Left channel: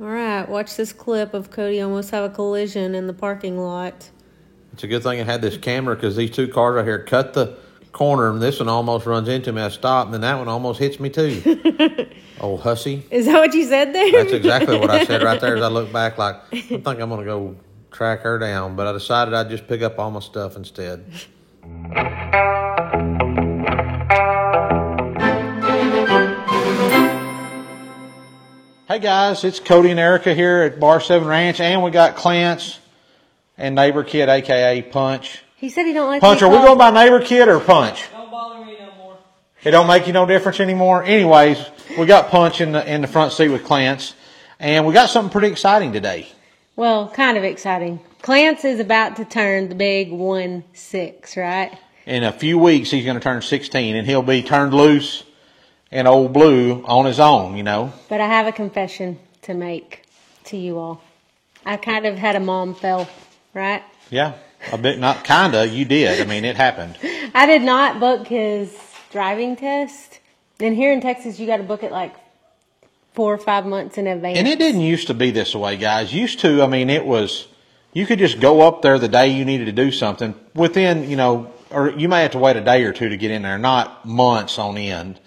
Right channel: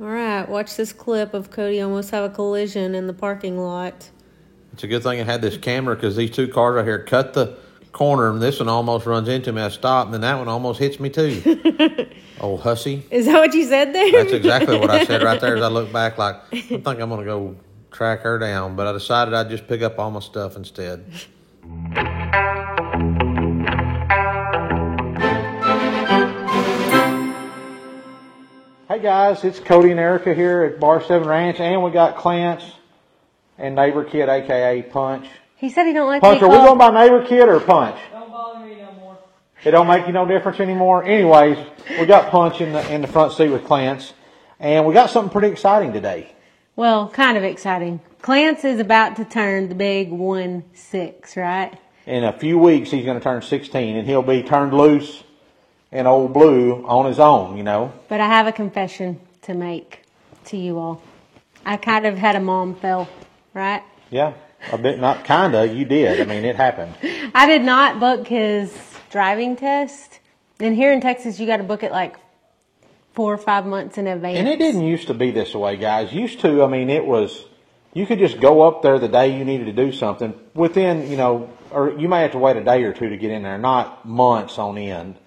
All right, watch this clip of Cody almost have a collision in the parking lot. It's a good thing I had this camera because these two cars right here cut the corner, and this one almost runs into me. I stopped, and then that one almost hits me too. Old hussy. Is that what you said there? That's exactly what I said right there as I look back like, I think I'm going to go track her down. But I decided I'd just pick up all my stuff instead. Hey guys, it's Cody and Erica here at Bar 7 Ranch, and we got Clarence and Neighbor Kid, a.k.a. Punch. He said he don't like Punch, are we going by Neighbor Kid or Punch? Don't bother me no more. It don't make you no difference anymore? Anyways, we got Punch in the front seat with Clarence, and we got something pretty exciting today. Well, kind of exciting. Clarence is about to turn the big 1-6, right? In a few weeks, he's going to turn 16, and he'll be turned loose and Old Blue on his own, you know. But I have a confession to make to you all. I kind of had a mom fail, right? Yeah, a bit, not kind of, you did. I mean, it happened. I did not book his driving test. And here in Texas, you got to book it like 4 or 5 months in advance. And it didn't used to be this way, guys. Used to, I mean, it was, you could just go up there the day you needed to do something within, you know, or you may have to wait a day or two to get in there, not months on end.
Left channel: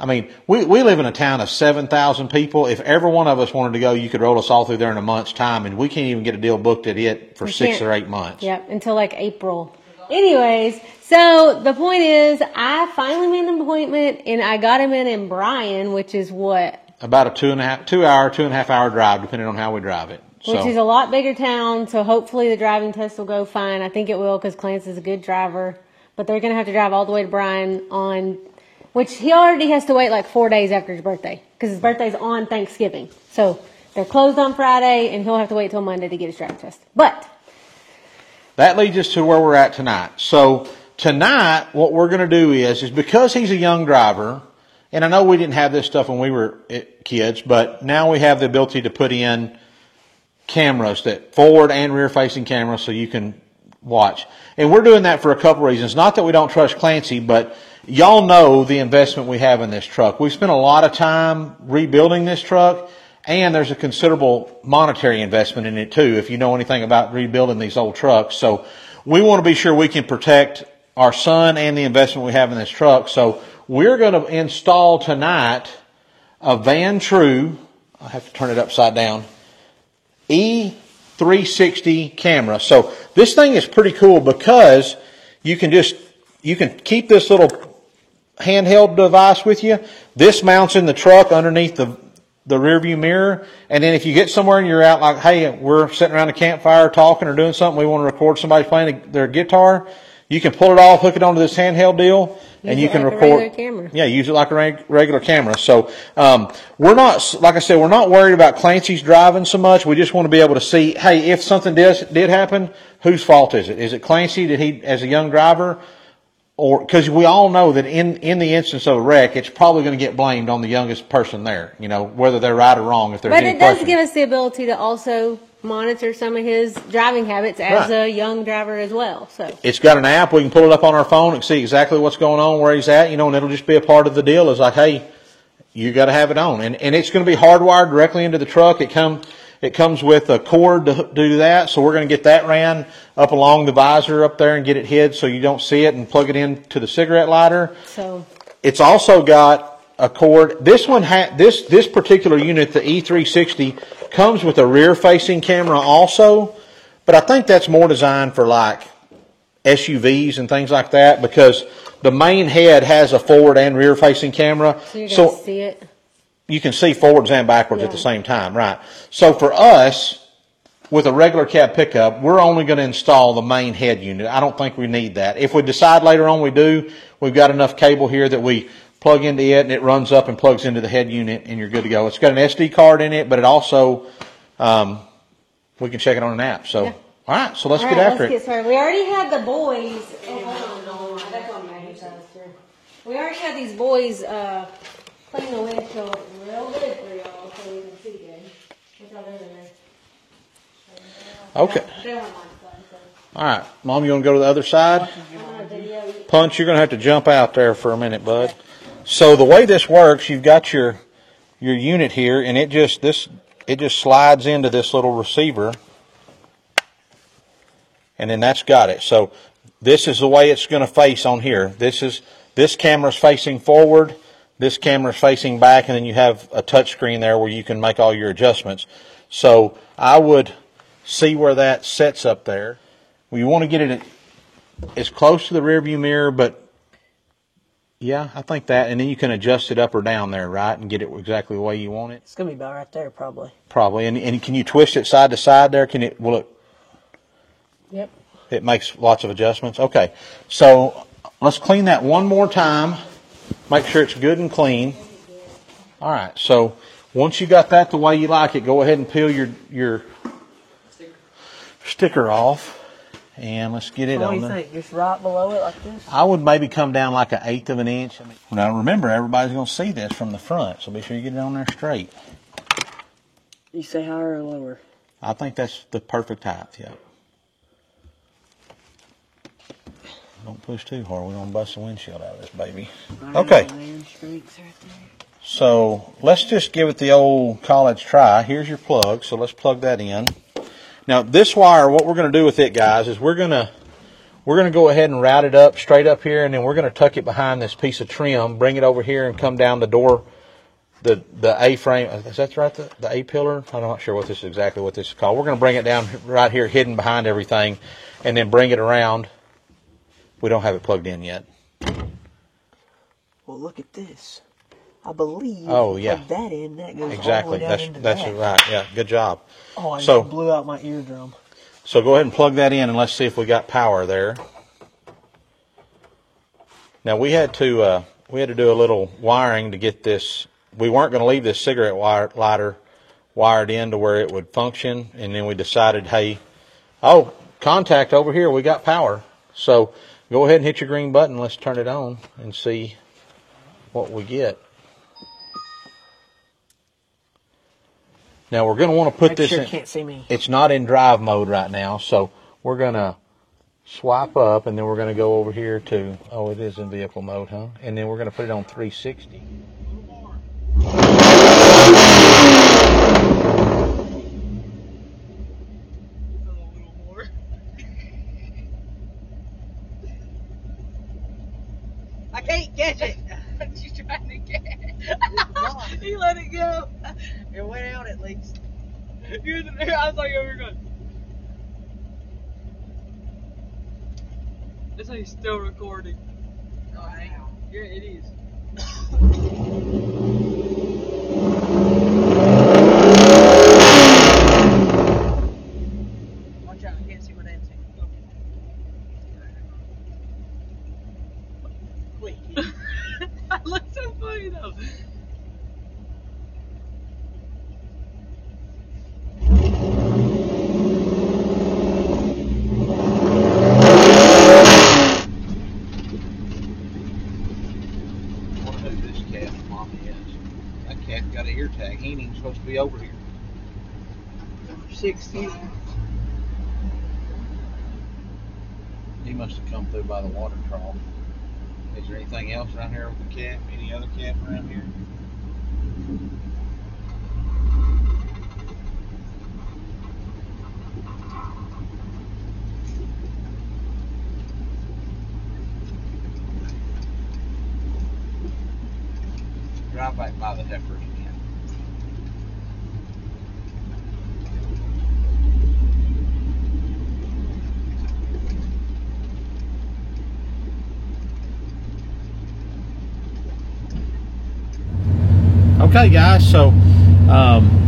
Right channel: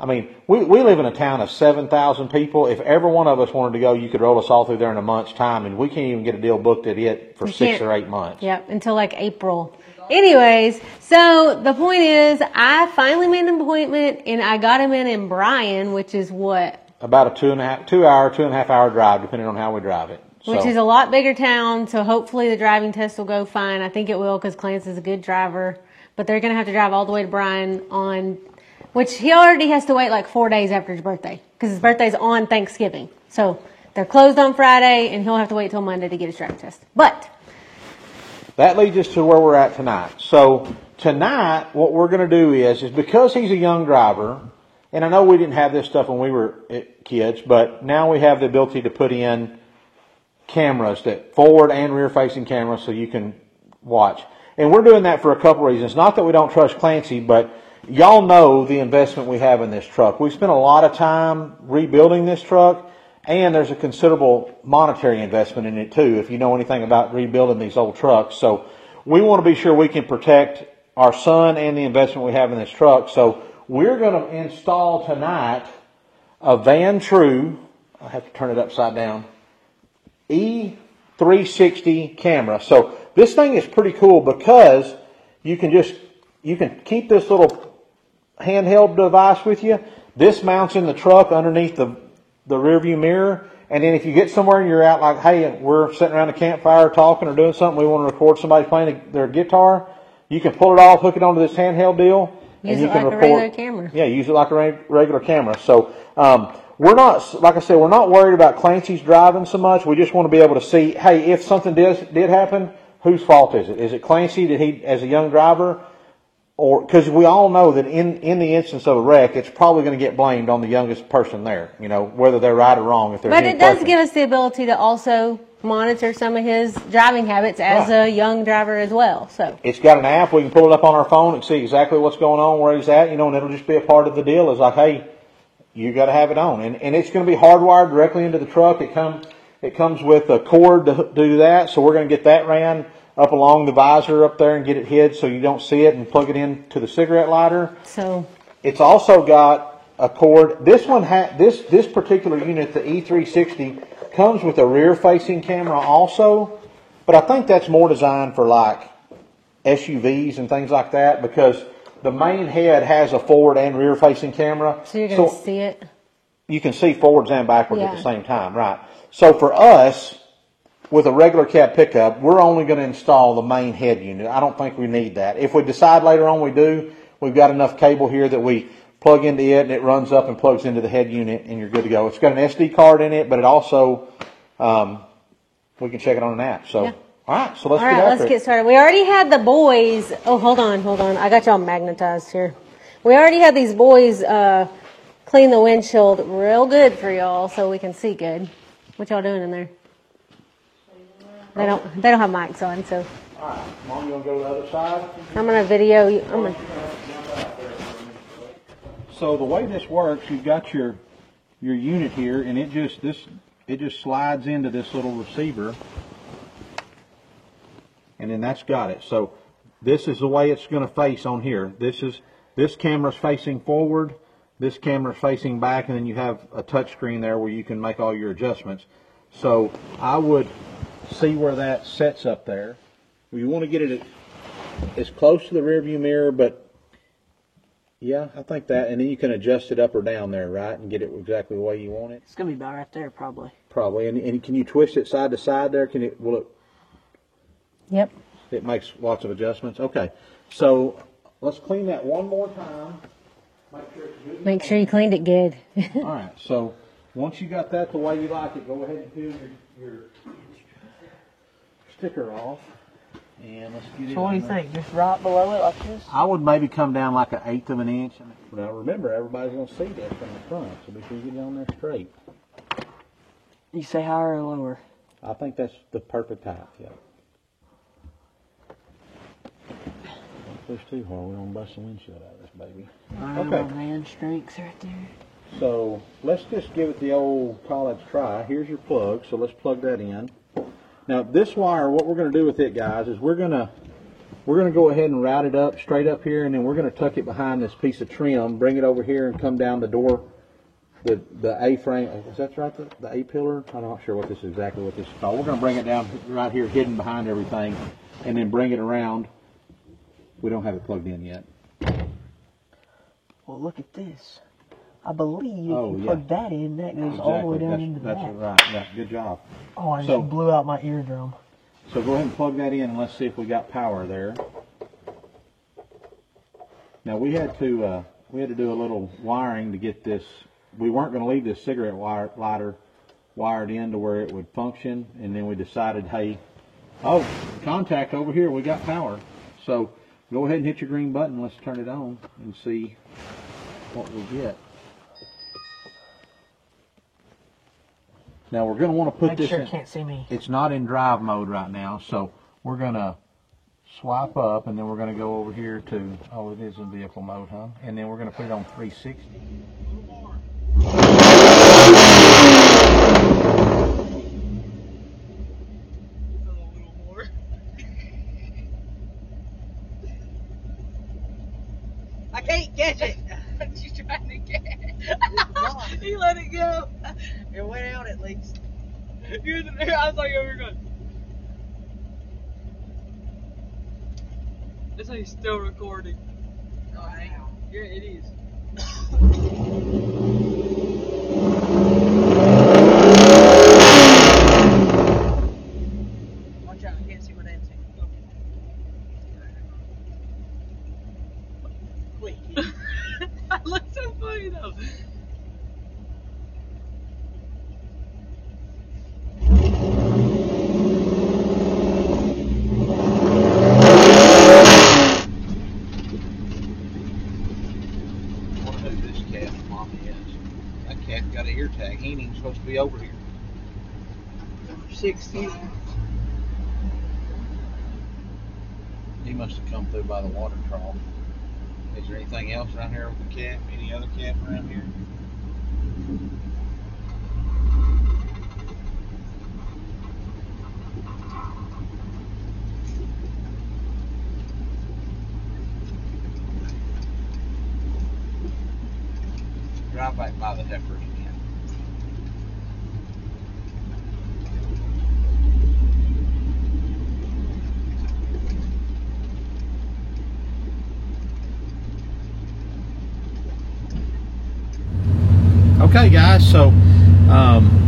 I mean, we live in a town of 7,000 people. If every one of us wanted to go, you could roll us all through there in a month's time, and we can't even get a deal booked at it for 6 or 8 months. Yep, until like April. Anyways, so the point is, I finally made an appointment, and I got him in Bryan, which is what? About a 2.5 hour drive, depending on how we drive it. Which is a lot bigger town, so hopefully the driving test will go fine. I think it will because Clarence is a good driver. But they're going to have to drive all the way to Bryan on... Which he already has to wait like 4 days after his birthday. Because his birthday's on Thanksgiving. So they're closed on Friday and he'll have to wait till Monday to get his driving test. But that leads us to where we're at tonight. So tonight, what we're going to do is because he's a young driver, and I know we didn't have this stuff when we were kids, but now we have the ability to put in cameras, that forward and rear facing cameras, so you can watch. And we're doing that for a couple reasons. Not that we don't trust Clancy, but y'all know the investment we have in this truck. We've spent a lot of time rebuilding this truck, and there's a considerable monetary investment in it too, if you know anything about rebuilding these old trucks. So we want to be sure we can protect our son and the investment we have in this truck. So we're going to install tonight a Vantrue, I have to turn it upside down, E360 camera. So this thing is pretty cool because you can keep this little handheld device with you. This mounts in the truck underneath the rear view mirror. And then if you get somewhere and you're out like, hey, we're sitting around a campfire talking or doing something, we want to record somebody playing their guitar, you can pull it off, hook it onto this handheld deal, and you can record. Use it like a regular camera. Yeah, use it like a regular camera. So we're not, like I said, we're not worried about Clancy's driving so much. We just want to be able to see, hey, if something did happen, whose fault is it? Is it Clancy? Did he, as a young driver? Or because we all know that in the instance of a wreck, it's probably going to get blamed on the youngest person there. You know, whether they're right or wrong. If but it does give us the ability to also monitor some of his driving habits as a young driver as well. So it's got an app. We can pull it up on our phone and see exactly what's going on, where he's at. You know, and it'll just be a part of the deal. It's like, hey, you got to have it on, and it's going to be hardwired directly into the truck. It comes with a cord to do that, so we're going to get that ran up along the visor up there and get it hid so you don't see it, and plug it into the cigarette lighter. So it's also got a cord. This one this particular unit, the E360, comes with a rear-facing camera also, but I think that's more designed for like SUVs and things like that because the main head has a forward and rear-facing camera. So you're going to see it? You can see forwards and backwards at the same time, right? So for us, with a regular cab pickup, we're only going to install the main head unit. I don't think we need that. If we decide later on we do, we've got enough cable here that we plug into it and it runs up and plugs into the head unit and you're good to go. It's got an SD card in it, but it also, we can check it on an app. So, all right, so let's get after it. Let's get started. We already had the boys. Oh, hold on. I got y'all magnetized here. We already had these boys clean the windshield real good for y'all so we can see good. What y'all doing in there? They don't have mics on, so. All right, Mom, you want to go to the other side? I'm going to video you. Punch, you're going to have to jump out there for a minute, bud. So the way this works, you've got your unit here, and this it just slides into this little receiver, and then that's got it. So this is the way it's going to face on here. This camera's facing forward, this camera's facing back, and then you have a touch screen there where you can make all your adjustments. So I would see where that sets up there. Well, you want to get it as close to the rear view mirror, but yeah, I think that, and then you can adjust it up or down there, right, and get it exactly the way you want it. It's gonna be about right there, probably. Probably, and can you twist it side to side there? Can it? Will it? Yep. It makes lots of adjustments. Okay, so let's clean that one more time. Make sure it's good and Make clean. sure you cleaned it good. All right. So once you got that the way you like it, go ahead and peel your sticker off. And let's get it What on do you there. think? Just right below it like this? I would maybe come down like 1/8 of an inch. Now remember, everybody's going to see this from the front, so be sure you get it on there straight. You say higher or lower? I think that's the perfect height, yeah. Don't push too hard. We're going to bust the windshield out of this baby. Okay. Man, strength right there. So let's just give it the old college try. Here's your plug, so let's plug that in. Now this wire, what we're going to do with it, guys, is we're going to go ahead and route it up straight up here, and then we're going to tuck it behind this piece of trim, bring it over here, and come down the door, the A-frame. Is that right? The A-pillar? I'm not sure what this is exactly what this is called. We're going to bring it down right here, hidden behind everything, and then bring it around. We don't have it plugged in yet. Well, look at this. I believe Oh, if you yeah. plug that in, that goes all the Exactly. way down into That's that. right. Yeah. Good job. Oh, I So- just blew out my eardrum. So go ahead and plug that in, and let's see if we got power there. Now we had to do a little wiring to get this. We weren't going to leave this cigarette lighter wired in to where it would function, and then we decided, hey, oh, contact over here, we got power. So go ahead and hit your green button. Let's turn it on and see what we get. Now we're going to want to put this Sure in. can't see me. It's not in drive mode right now, so we're going to swipe up, and then we're going to go over here to, oh, it is in vehicle mode, huh? And then we're going to put it on 360. I can't catch it. She's trying to get it. He let it go. It went out at least. I was like, oh, we're good. That's how he's still recording. Alright. Yeah, it is. Watch out, I can't see what I'm saying. Quick. That looks so funny though. I wonder who this cat mommy is. That cat got an ear tag. He ain't even supposed to be over here. 60. He must have come through by the water trough. Is there anything else around here with the cat? Any other cat around here? Drive back by the heifers again. Okay, guys, so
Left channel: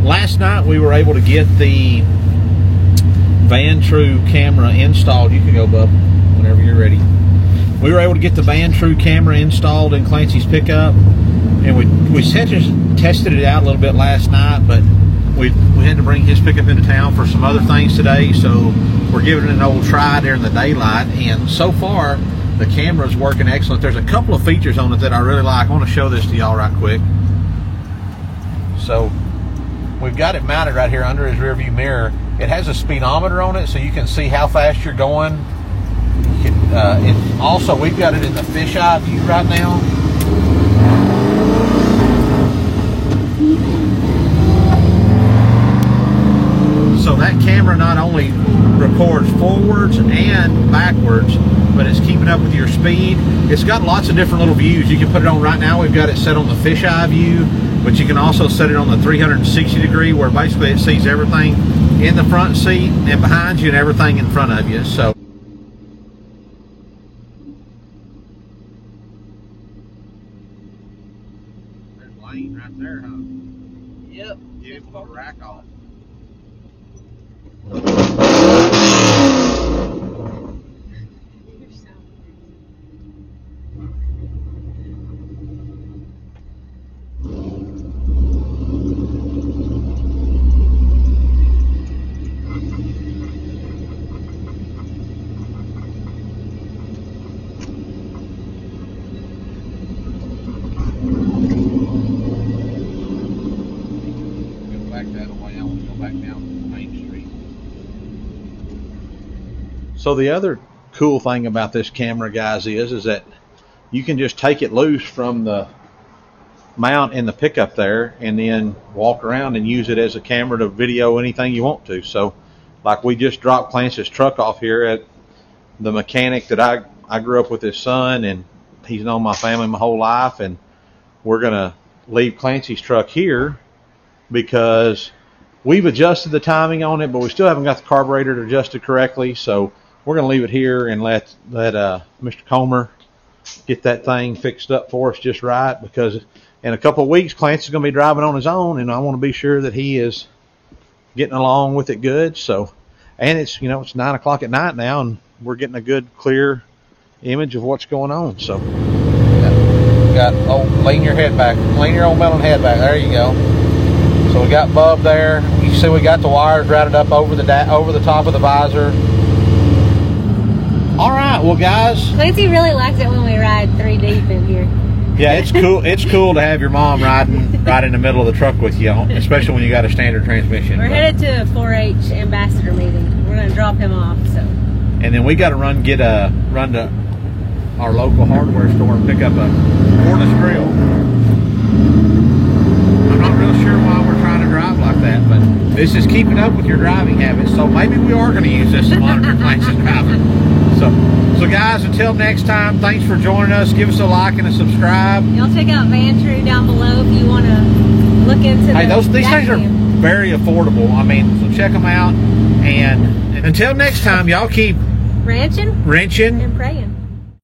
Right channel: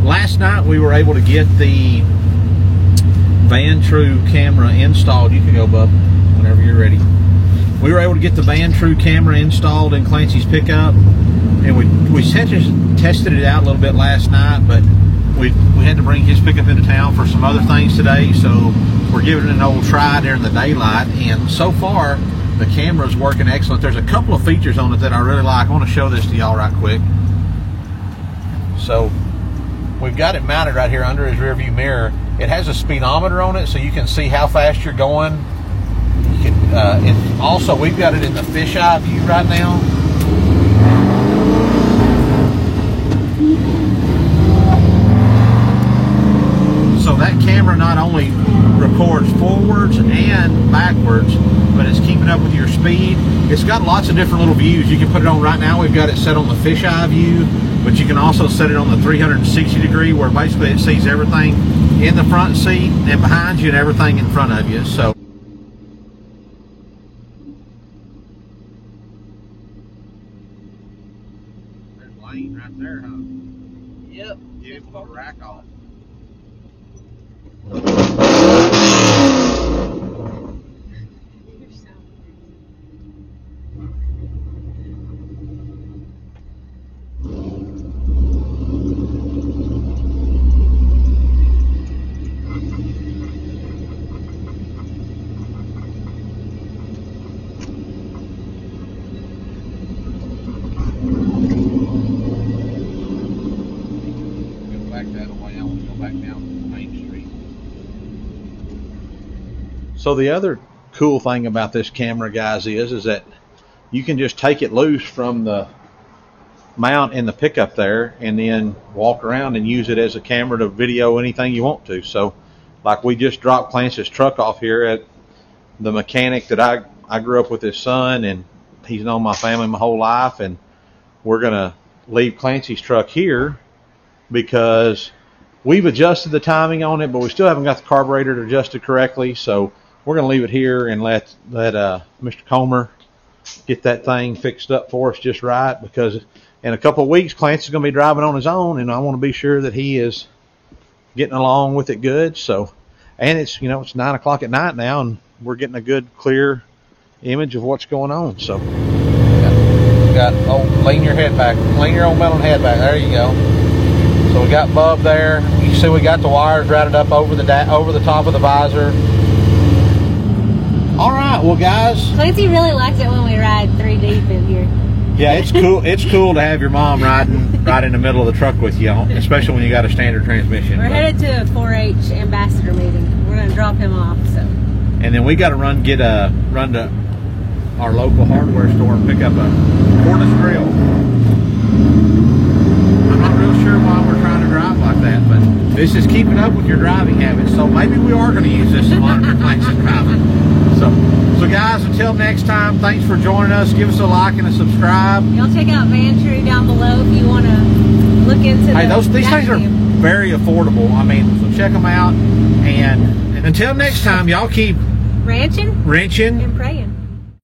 last night we were able to get the Vantrue camera installed. You can go, bub, whenever you're ready. We were able to get the Vantrue camera installed in Clancy's pickup, and we tested it out a little bit last night, but we had to bring his pickup into town for some other things today, so we're giving it an old try during the daylight, and so far the camera is working excellent. There's a couple of features on it that I really like. I want to show this to y'all right quick. So we've got it mounted right here under his rear view mirror. It has a speedometer on it, so you can see how fast you're going. You can, also, we've got it in the fisheye view right now. camera not only records forwards and backwards, but it's keeping up with your speed. It's got lots of different little views. You can put it on right now. We've got it set on the fisheye view, but you can also set it on the 360 degree, where basically it sees everything in the front seat and behind you and everything in front of you. So there's Lane right there, huh? Yep. Beautiful rack off. So the other cool thing about this camera, guys, is that you can just take it loose from the mount in the pickup there and then walk around and use it as a camera to video anything you want to. So like we just dropped Clance's truck off here at the mechanic that I grew up with his son, and he's known my family my whole life, and we're going to leave Clancy's truck here because we've adjusted the timing on it, but we still haven't got the carburetor adjusted correctly. So we're going to leave it here and let Mr. Comer get that thing fixed up for us just right, because in a couple of weeks, Clancy's going to be driving on his own, and I want to be sure that he is getting along with it good. So, and it's, it's 9 o'clock at night now, and we're getting a good, clear image of what's going on. So, lean your head back, lean your old metal head back. There you go. So we got Bub there. You see, we got the wires routed up over the top of the visor. All right, well, guys. Clancy really likes it when we ride 3 deep in here. Yeah, it's cool. It's cool to have your mom riding right in the middle of the truck with you, especially when you got a standard transmission. We're headed to a 4-H ambassador meeting. We're going to drop him off. So. And then we got to run to our local hardware store and pick up a cordless drill. I'm not real sure why we're trying to drive like that, but this is keeping up with your driving habits. So maybe we are going to use this in one of your Clancy's driving. So guys, until next time, thanks for joining us. Give us a like and a subscribe. Y'all check out Vantrue down below if you want to look into these things are very affordable. I mean, so check them out. And until next time, y'all keep wrenching and praying.